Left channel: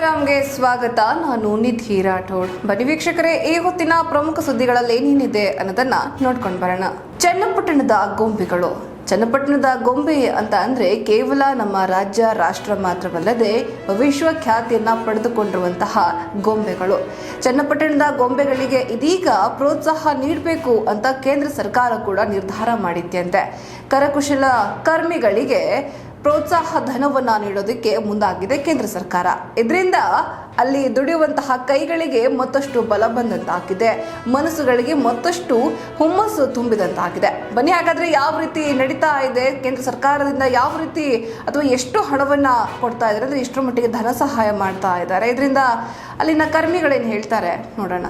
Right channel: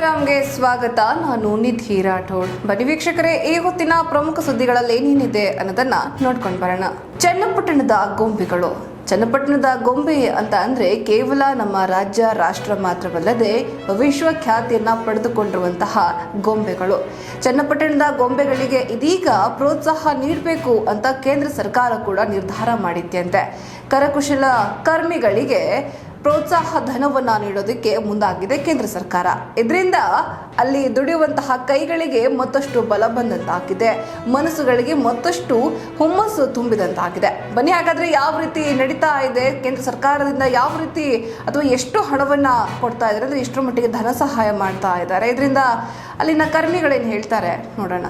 ರಾಮ್ಗೆ ಸ್ವಾಗತ. ನಾನು ನಿಧಿ ರಾಠೋಡ್. ಬನ್ನಿ ವೀಕ್ಷಕರೇ, ಈ ಹೊತ್ತಿನ ಪ್ರಮುಖ ಸುದ್ದಿಗಳಲ್ಲಿ ಏನೇನಿದೆ ಅನ್ನೋದನ್ನ ನೋಡ್ಕೊಂಡು ಬರೋಣ. ಚನ್ನಪಟ್ಟಣದ ಗೊಂಬೆಗಳು. ಚನ್ನಪಟ್ಟಣದ ಗೊಂಬೆ ಅಂತ ಅಂದ್ರೆ ಕೇವಲ ನಮ್ಮ ರಾಜ್ಯ, ರಾಷ್ಟ್ರ ಮಾತ್ರವಲ್ಲದೆ ವಿಶ್ವ ಖ್ಯಾತಿಯನ್ನ ಪಡೆದುಕೊಂಡಿರುವಂತಹ ಗೊಂಬೆಗಳು. ಚನ್ನಪಟ್ಟಣದ ಗೊಂಬೆಗಳಿಗೆ ಇದೀಗ ಪ್ರೋತ್ಸಾಹ ನೀಡಬೇಕು ಅಂತ ಕೇಂದ್ರ ಸರ್ಕಾರ ಕೂಡ ನಿರ್ಧಾರ ಮಾಡಿದ್ಯಂತೆ. ಕರಕುಶಲ ಕರ್ಮಿಗಳಿಗೆ ಪ್ರೋತ್ಸಾಹ ಧನವನ್ನು ನೀಡೋದಕ್ಕೆ ಮುಂದಾಗಿದೆ ಕೇಂದ್ರ ಸರ್ಕಾರ. ಇದರಿಂದ ಅಲ್ಲಿ ದುಡಿಯುವಂತಹ ಕೈಗಳಿಗೆ ಮತ್ತಷ್ಟು ಬಲ ಬಂದಂತಾಗಿದೆ. ಮನಸ್ಸುಗಳಿಗೆ ಮತ್ತಷ್ಟು ಹುಮ್ಮಸ್ಸು ತುಂಬಿದಂತಾಗಿದೆ. ಬನ್ನಿ, ಹಾಗಾದ್ರೆ ಯಾವ ರೀತಿ ನಡೀತಾ ಇದೆ? ಕೇಂದ್ರ ಸರ್ಕಾರದಿಂದ ಯಾವ ರೀತಿ ಅಥವಾ ಎಷ್ಟು ಹಣವನ್ನ ಕೊಡ್ತಾ ಇದ್ದಾರೆ? ಅಂದ್ರೆ ಎಷ್ಟರ ಮಟ್ಟಿಗೆ ಧನ ಸಹಾಯ ಮಾಡ್ತಾ ಇದ್ದಾರೆ? ಇದರಿಂದ ಅಲ್ಲಿನ ಕರ್ಮಿಗಳೇನು ಹೇಳ್ತಾರೆ? ನೋಡೋಣ.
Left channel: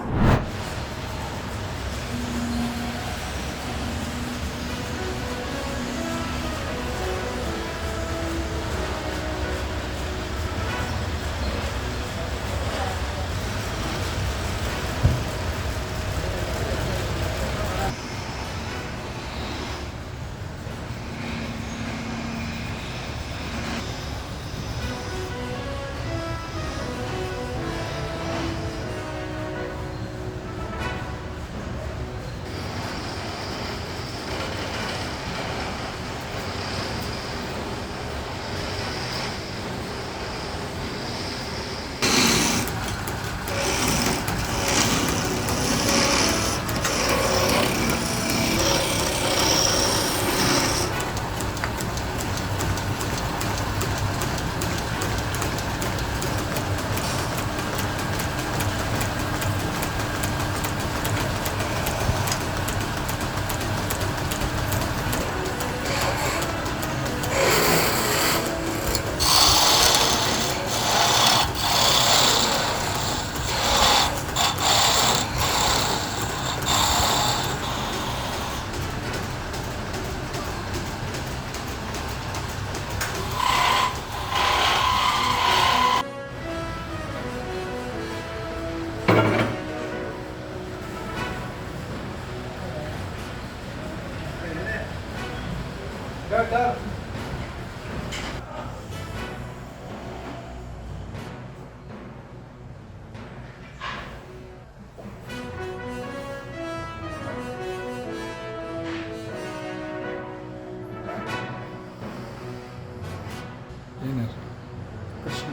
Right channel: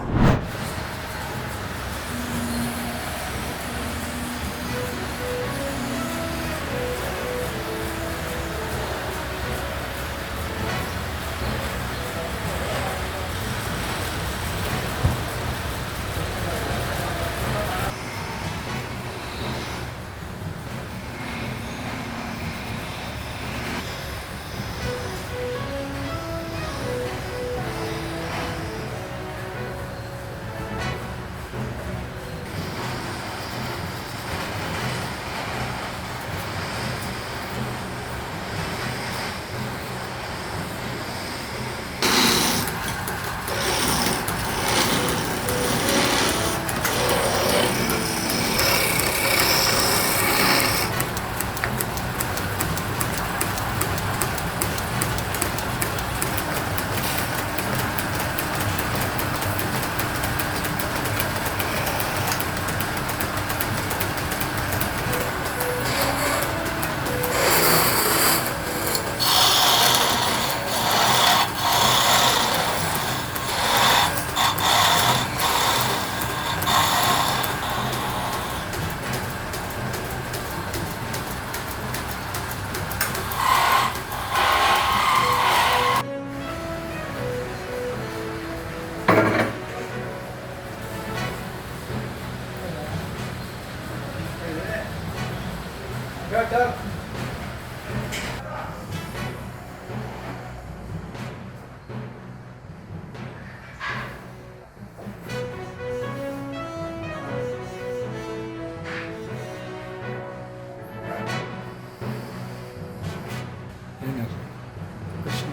ಏನಾರು ಕೃಷ್ಣ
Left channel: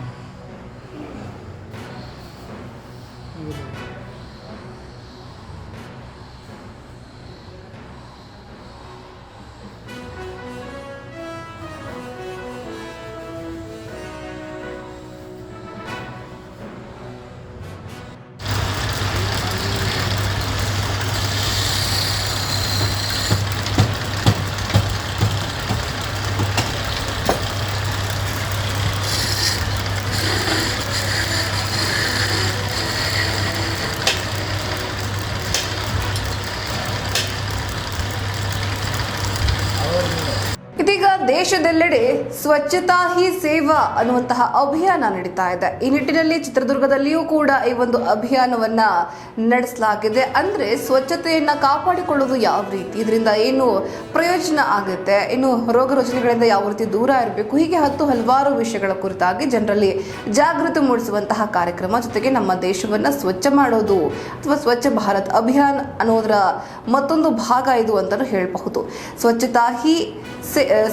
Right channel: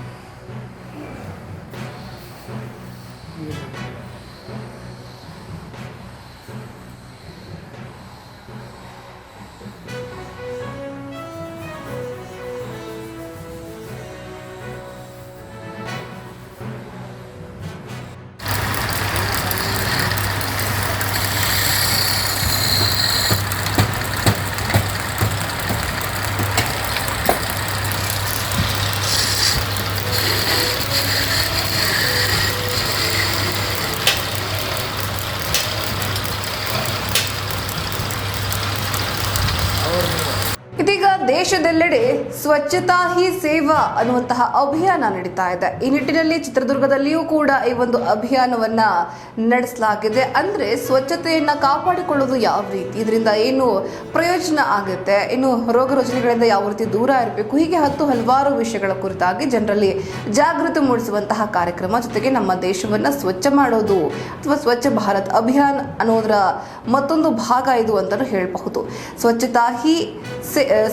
ದೇಶದೆಲ್ಲೆಡೆ ಸ್ವಚ್ಛತಾ ಹಿ ಸೇವಾ ಅನ್ನುವಂತಹ ಅಭಿಯಾನ ನಡೀತಾ ಇದೆ. ಈ ನಿಟ್ಟಿನಲ್ಲಿ ಚಿತ್ರದುರ್ಗದಲ್ಲಿಯೂ ಕೂಡ ಈ ಒಂದು ಅಭಿಯಾನವನ್ನ ನಡೆಸಲಾಗಿದೆ. ಅಂದ್ರೆ ಸ್ವಚ್ಛತೆಯನ್ನ ಕಾಪಾಡಿಕೊಳ್ಳೋದು ಯಾವ ರೀತಿ? ಇದರಿಂದ ಏನು ಪ್ರಯೋಜನ ಆಗುತ್ತೆ? ಇನ್ನು ರೋಗ ರುಜಿನಗಳಿಂದ ಯಾವ ರೀತಿ ದೂರ ಇರಬೇಕು? ಹೀಗೆ ಹತ್ತು ಹಲವಾರು ವಿಷಯಗಳ ಕುರಿತಾಗಿ ಜನರಲ್ಲಿ ಜಾಗೃತಿ ಮೂಡಿಸುವಂತಹ ಕಾರ್ಯಕ್ರಮ ಜೊತೆಗೆ ನಮ್ಮ ದೇಶವನ್ನ ಸ್ವಚ್ಛ ಮಾಡೋದು ಅಥವಾ ಸ್ವಚ್ಛ ಭಾರತ್ ಅಭಿಯಾನ್ ಅನ್ನೋದರ ಮತ್ತೊಂದು ಭಾಗ ಇದು ಅಂತಲೂ ಹೇಳಬಹುದು. ಸ್ವಚ್ಛತಾ ಹಿ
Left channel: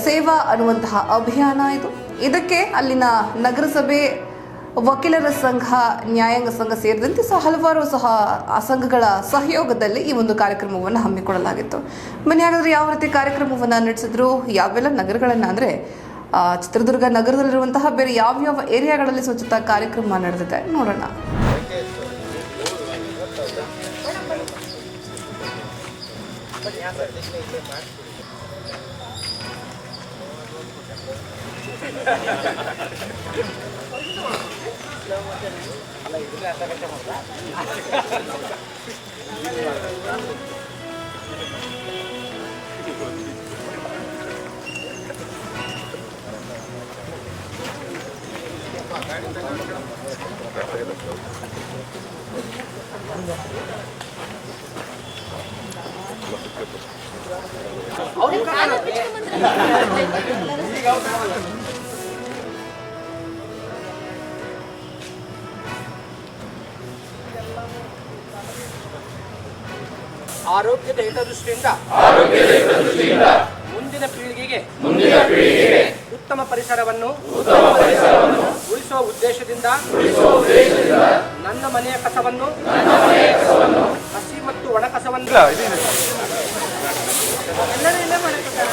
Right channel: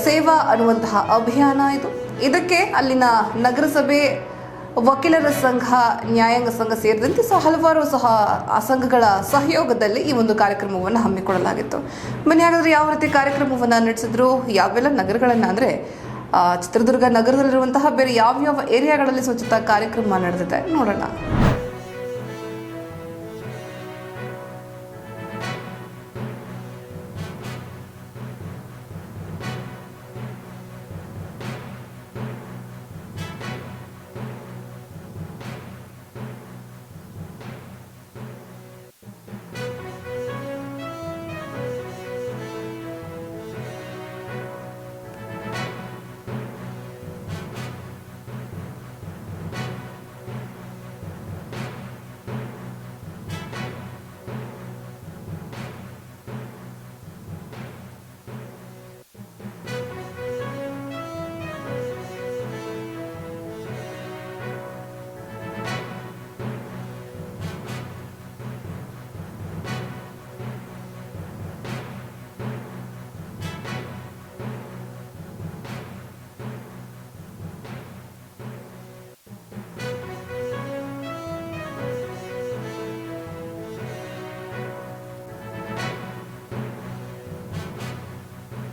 ಸೇವಾ ಅನ್ನುವಂತಹ ಅಭಿಯಾನ ಇದು. ಇದಕ್ಕೆ ಅಲ್ಲಿನ ನಗರಸಭೆ ವಕೀಲರ ಸಂಘ, ನ್ಯಾಯಾಂಗ ಸಂಘ ಸೇರಿದಂತೆ ಸಹ ಹಲವಾರು ಸಹ ಆ ಸಂಘಗಳ ಸಹಯೋಗದಲ್ಲಿ ಈ ಒಂದು ಕಾರ್ಯಕ್ರಮವನ್ನು ಹಮ್ಮಿಕೊಳ್ಳಲಾಗಿತ್ತು. ಬನ್ನಿ, ಹಾಗಾದ್ರೆ ಯಾವ ರೀತಿ ಕಾರ್ಯಕ್ರಮವನ್ನು ನಡೆಸಿದ್ರು? ಯಾವೆಲ್ಲ ನಗರಗಳನ್ನು ಅಂದರೆ ಚಿತ್ರದುರ್ಗ ನಗರದಲ್ಲಿರುವಂತಹ ಬೇರೆ ಯಾವ್ಯಾವ ಏರಿಯಾಗಳಲ್ಲಿ ಸ್ವಚ್ಛತಾ ಕಾರ್ಯಕ್ರಮ ನಡೆದಿದೆ ನೋಡೋಣ. la iglesia hasta que. ಆರೋಗ್ಯದ ಹಿತದೃಷ್ಟಿಯಿಂದ ಮುಂದಿನ ಪೀಳಿಗೆಗೆ ಮುಂದಿನ ಉತ್ತಮ ಪರಿಸರವನ್ನು ಉತ್ತಮ ಪರಿಸರವನ್ನು ಉಳಿಸುವ ಉದ್ದೇಶದಿಂದ ಉಳಿಸುವ ಉದ್ದೇಶದಿಂದ ನನ್ನ ಮನೆಯ ಕಸವನ್ನು ಹಸಿ ಮತ್ತು ಒಣ ಕಸವನ್ನು ಎಲ್ಲರೂ ಇಲ್ಲೇ ಮಾಡಿರ್ತಾರೆ.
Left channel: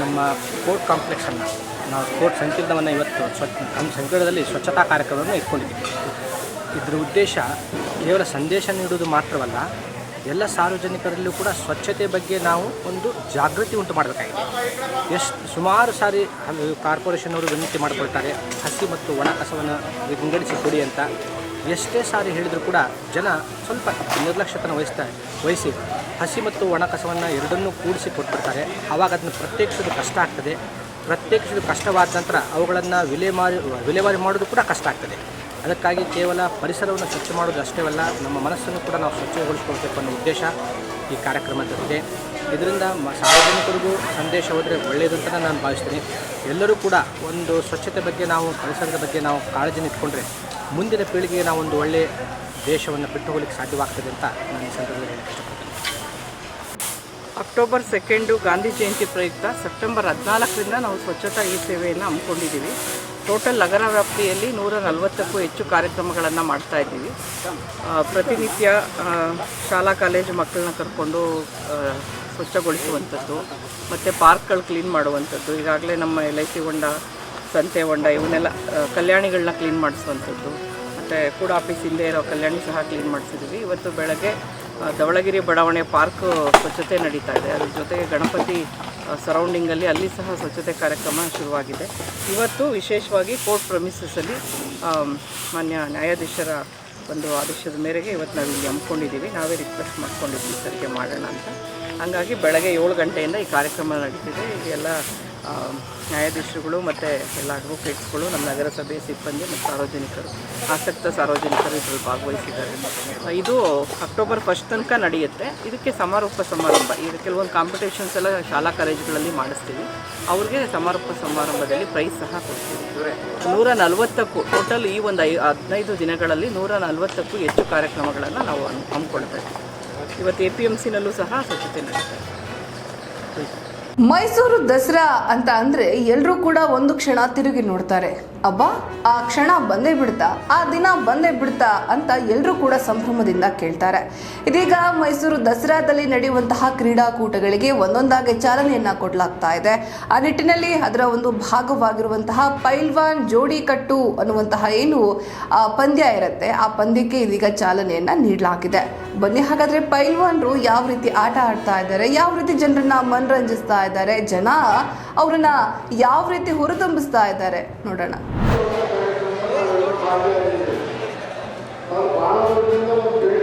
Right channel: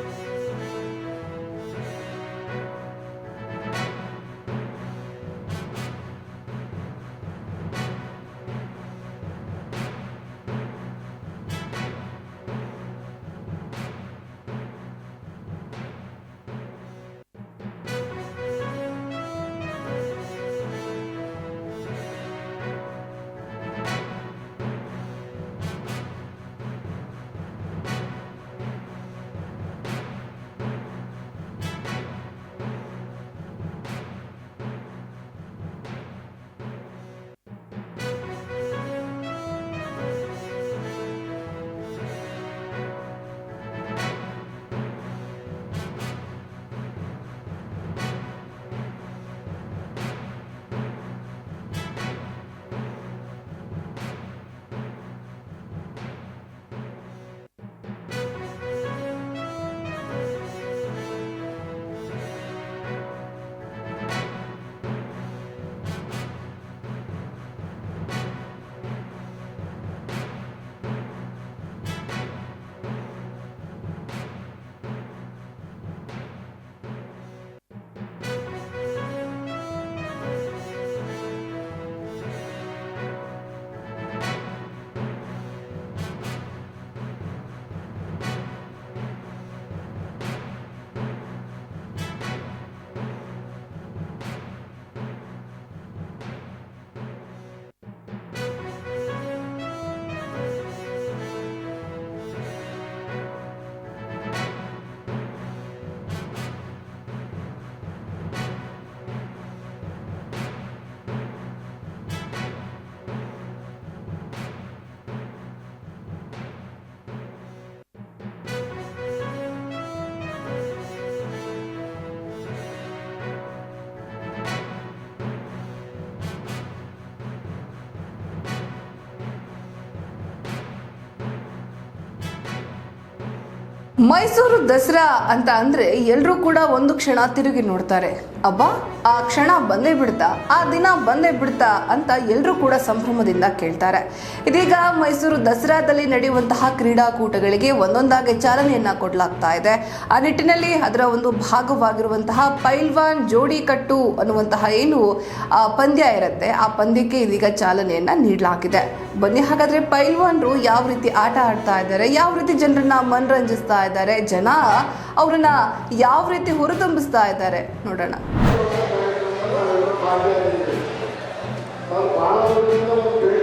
ನಮ್ಮ ಕೋರ್ಟ್ ಕಾಂಪ್ಲೆಕ್ಸನ್ನು ನಾವು ಕೋರ್ಟ್ ಸಂಕೀರ್ಣವನ್ನು ಇವತ್ತು ಸ್ವಚ್ಛ ನಮ್ಮ ಸಂಕೀರ್ಣದಲ್ಲಿ ಸ್ವಚ್ಛತಾ ಕಾರ್ಯಕ್ರಮವನ್ನು ಇಟ್ಕೊಂಡಿದ್ದೀವಿ. ಇದರ ಉದ್ದೇಶ ಕೇವಲ ಸಂದೇಶ ನೀಡುವುದು ಮಾತ್ರವಲ್ಲ ಎಲ್ಲ ಸಾರ್ವಜನಿಕರಲ್ಲೂ ಕೂಡ ಸ್ವಚ್ಛತೆ ಬಗ್ಗೆ ನಾವು ಒಂದು ಜಾಗೃತಿ ಉಂಟು ಮಾಡಬೇಕಾಗಿದೆ. ಎಷ್ಟು ಸುಮಾರು ಸಾರಿ ಕಾರ್ಪೊರೇಷನ್ನವರು ವಿನಂತಿ ಮಾಡಿಕೊಳ್ತಾರೆ, ಹಸಿ ಮತ್ತು ಒಣ ಕಸವನ್ನು ವಿಂಗಡಿಸಿ ಕೊಡಿ ಅಂತ. ಎಷ್ಟೇ ಸಾರಿ ಹೇಳಿದರೂ ಕೂಡ ಜನ ಸ್ವಲ್ಪ ನಿರ್ಲಕ್ಷ್ಯತನ ವಹಿಸ್ತಾ, ವಹಿಸಿ ಹಸಿ ಮತ್ತು ಒಣ ಕಸವನ್ನು ಎರಡನ್ನೂ ಕೂಡಿಸಿ ಕೊಟ್ಬಿಡ್ತಾರೆ. ಆವಾಗ ಅದನ್ನು ಪ್ರತ್ಯೇಕಿಸೋದು ಕಷ್ಟ ಆಗ್ತದೆ. ಪ್ರತ್ಯೇಕಿಸೋದು ಕಷ್ಟವಾದ ನಂತರ ಅವುಗಳನ್ನು ವಿಲೇವಾರಿ ವಿಲೇವಾರಿ ಮಾಡೋದು ಕೂಡ ಕಷ್ಟ ಆಗ್ತದೆ. ಅದಕ್ಕಾಗಿ ಕೇವಲ ಪರಿಸರವನ್ನು ಸ್ವಚ್ಛ ಮಾಡೋದು ಅಷ್ಟೇ ಅಲ್ಲ, ನಮ್ಮ ಮನಸ್ಸನ್ನು ಕೂಡ ನಾವು ಸ್ವಚ್ಛಗೊಳಿಸ್ಕೊಳ್ಬೇಕು ಅನ್ನೋ ಉದ್ದೇಶ ಈ ಕಾರ್ಯಕ್ರಮದಲ್ಲಿದೆ. ಇದರಿಂದ ಮ, ಸಾರ್ವಜನಿಕರಿಗೂ ಸಂದೇಶ ಹೋದರೆ ಒಳ್ಳೆಯದು ಅಂತ ನಾನು ಭಾವಿಸ್ತೀನಿ. ಎಲ್ಲರೂ ಕೂಡ ಒಂದು ಸ್ವಚ್ಛತೆ ಬಗ್ಗೆ ನಾವು, ಪರಿಸರದ ಬಗ್ಗೆ ನಾವು ಕಾಳಜಿ ಇಟ್ಕೊಂಡ್ರೆ ಮುಂದಿನ ಪೀಳಿಗೆಗೆ ನಾವು ಒಂದು ಒಳ್ಳೆಯ ದೇಶವನ್ನು ಬಿಟ್ಟು ಹೋಗ್ಲಿಕ್ಕೆ ಸಾಧ್ಯವಾಗ್ತದೆ ಅಂತ ನಾನು ಈ ಸಂದರ್ಭದಲ್ಲಿ ಅಕ್ಟೋಬರ್ ಸೆಕೆಂಡು ಗಾಂಧಿ ಜಯಂತಿ ಪ್ರಯುಕ್ತ ಸೆಪ್ಟೆಂಬರ್ ಹದಿನಾಲ್ಕರಿಂದ ನಾವು ಸ್ವಚ್ಛತಾ ಈ ಸೇವೆಯನ್ನು ಹಮ್ಮಿಕೊಂಡಿದ್ದೀವಿ. ಟೋಟಲ್ ನಗರ ವ್ಯಾಪ್ತಿಯಲ್ಲಿ ನೂರ ನಲವತ್ತಕ್ಕೂ ಹೆಚ್ಚು ಕಾರ್ಯಕ್ರಮಗಳನ್ನು ಮಾಡ್ತಾ ಇದ್ದೀವಿ. ಪ್ರತಿನಿತ್ಯ ಶಾಲಾ, ಕಾಲೇಜು ಮಕ್ಕಳನ್ನ ಕರ್ಕೊಂಡು ಸ್ವಚ್ಛಗೊಳಿಸುವಂಥದ್ದು, ಮತ್ತು ಪಾರ್ಕ್ಗಳು ಕ್ಲೀನ್ ಮಾಡುವಂಥದ್ದು, ಈಗಾಗಲೇ ನಮ್ಮ ಎಲ್ ಐ ಸಿ ಹೊಂಡ, ಸಂತೆ ಹೊಂಡ, ಇವನ್ನೆಲ್ಲ ಕಲ್ಯಾಣಿಗಳನ್ನ ಕ್ಲೀನ್ ಮಾಡಿಸುವಂಥದ್ದು, ಮತ್ತು ಕೂಡ ಆಫೀಸ್ ಹಿಂದೆ ಇರೋ ಕಲ್ಯಾಣಿ ಸಹ ಕ್ಲೀನ್ ಮಾಡಿಸಿದ್ದೀವಿ. ಇವತ್ತು ಬೆಳಗ್ಗೆ ಧವಳಗಿರಿ ಬಡಾವಣೆ ಪಾರ್ಕ್ ಸ್ವಚ್ಛತೆ ನಡೀತಾ ಇದೆ. ಅದ್ರ ಜೊತೆಗೆ ಗಣಪತಿ ಸರೌಂಡಿಂಗಲ್ಲಿ ಅಲ್ಲಿ ಸಹ ಸ್ವಚ್ಛತೆ ಕಾರ್ಯಕ್ರಮ ಶುರುವಾಗಿದೆ. ಇವತ್ತು ವಿಶೇಷವಾಗಿ ಕೋರ್ಟ್ ಪ್ರಮಿಸಸಲ್ಲಿ ಮಾನ್ಯ ನ್ಯಾಯಾಧೀಶರ ಒಂದು ಆದೇಶದ ಮೇರೆಗೆ ಇವತ್ತು ನಾವು ಇಲ್ಲಿ ಹಮ್ಮಿಕೊಂಡಿದ್ದೀವಿ. ನಾವೇ ರಿಕ್ವೆಸ್ಟ್ ಮಾಡ್ಕೊಂಡಿದ್ವಿ ಸರಿಗೆ ಮಾಡೋಣ ಅಂತ. ಹಾಗಾಗಿ ಬೆಳಗ್ಗೆ ಏಳು ಗಂಟೆಯಿಂದ ಈ ಕಾರ್ಯಕ್ರಮ ನಡೀತಿದೆ ಇದೆಲ್ಲ ನ್ಯಾಯಾಧೀಶರುಗಳು ಮತ್ತು ಎಲ್ಲ ಅಡ್ವೊಕೇಟ್ಸ್ಗಳು ನಮ್ಮ ನಗರಸಭೆ ಸಿಬ್ಬಂದಿ ಮತ್ತು ಸಾರ್ವಜನಿಕರು, ಆಸಕ್ತ ಸಾರ್ವಜನಿಕರು ಇದರಲ್ಲಿ ಭಾಗವಹಿಸಿದ್ದಾರೆ. ಇದು ಅಕ್ಟೋಬರ್ ಫಸ್ಟ್ ತನಕ ನಡೆಯುತ್ತೆ. ಇದಕ್ಕೆ ಸಮಾರೋಪ ಸಮಾರಂಭ. ಈಗ ಕೆಲವೊಂದು ಕಾಂಪಿಟೇಷನ್ಸ್ ಎಲ್ಲ ಶಾಲಾ ಕಾಲೇಜುಗಳಲ್ಲಿ ಮಾಡಿಸ್ತೀವಿ. ಅವ್ರಿಗೆ ಸಮಾರೋಪ ಸಮಾರಂಭದಲ್ಲಿ ಪ್ರೈಸ್ ಸಹ ಕೊಡ್ತೀವಿ. ನೂರ ನಲವತ್ತಕ್ಕೂ ಟೋಟಲ್ ಈ ಒಂದು ಐ, ಹದಿನೈದು ದಿನಗಳಲ್ಲಿ ನೂರ ನಲವತ್ತಕ್ಕೂ ಹೆಚ್ಚು ಕಾರ್ಯಕ್ರಮಗಳನ್ನು ನಾವು ಹಮ್ಮಿಕೊಳ್ತೇವೆ ಇವತ್ತು ಎ ಪಿ ಎಂ ಸಿನಲ್ಲೂ ಸಹ ಸ್ವಚ್ಛತೆ ಮೈಸೂರು ದಸರಾ ಅಂತ ಅಂದರೆ ಎಲ್ಲರೂ ಕೂಡ ಒಂದು ಕ್ಷಣ ತಿರುಗಿ ನೋಡ್ತಾರೆ. ಅಬ್ಬಾ, ಆ ಕ್ಷಣ ಬಂದೇ ಬಿಡ್ತಾ, ಆ ದಿನ ಬಂದೇ ಬಿಡ್ತಾ ಅಂತ ಎಲ್ಲರೂ ಕೂಡ ಸಂಭ್ರಮದಿಂದ ಕೇಳ್ತಾರೆ. ಇದೀಗ ಮೈಸೂರು ದಸರಾದಲ್ಲಿ ನಡೆಯುವಂತಹ ಕ್ರೀಡಾಕೂಟಗಳಿಗೆ ಒಂದೊಂದಾಗಿ ಚಾಲನೆಯನ್ನ ಕೊಡಲಾಗ್ತಾ ಇದೆ. ಆ ನಿಟ್ಟಿನಲ್ಲಿ ಅದರ ಒಂದು ಭಾಗವಾಗಿರುವಂತಹ ಪೈಲ್ವಾನ್ ಜೋಡಿ ಕಟ್ಟು ಅನ್ನುವಂತಹ ಏನು ಪಂದ್ಯ ಇರುತ್ತೆ. ಆ ಪಂದ್ಯಕ್ಕೆ ಇದೀಗ ಚಾಲನೆಯನ್ನ ನೀಡಲಾಗಿದೆ. ಬನ್ನಿ, ಹಾಗಾದ್ರೆ ಪೈಲ್ವಾನ್ರು ಯಾವ ರೀತಿ ಆಟ ಆಡ್ತಾ ಇದ್ದಾರೆ, ಯಾವ ರೀತಿ ಜನರನ್ನ ಮನರಂಜಿಸ್ತಾ ಇದ್ದಾರೆ, ಜನ ಅವರನ್ನ ಯಾವ ರೀತಿ ಹುರಿದುಂಬಿಸ್ತಾ ಇದ್ದಾರೆ ನೋಡೋಣ. ಭಾಳ ವರ್ಷದಿಂದ ಒಂದು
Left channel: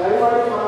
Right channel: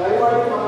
దయవాడి మన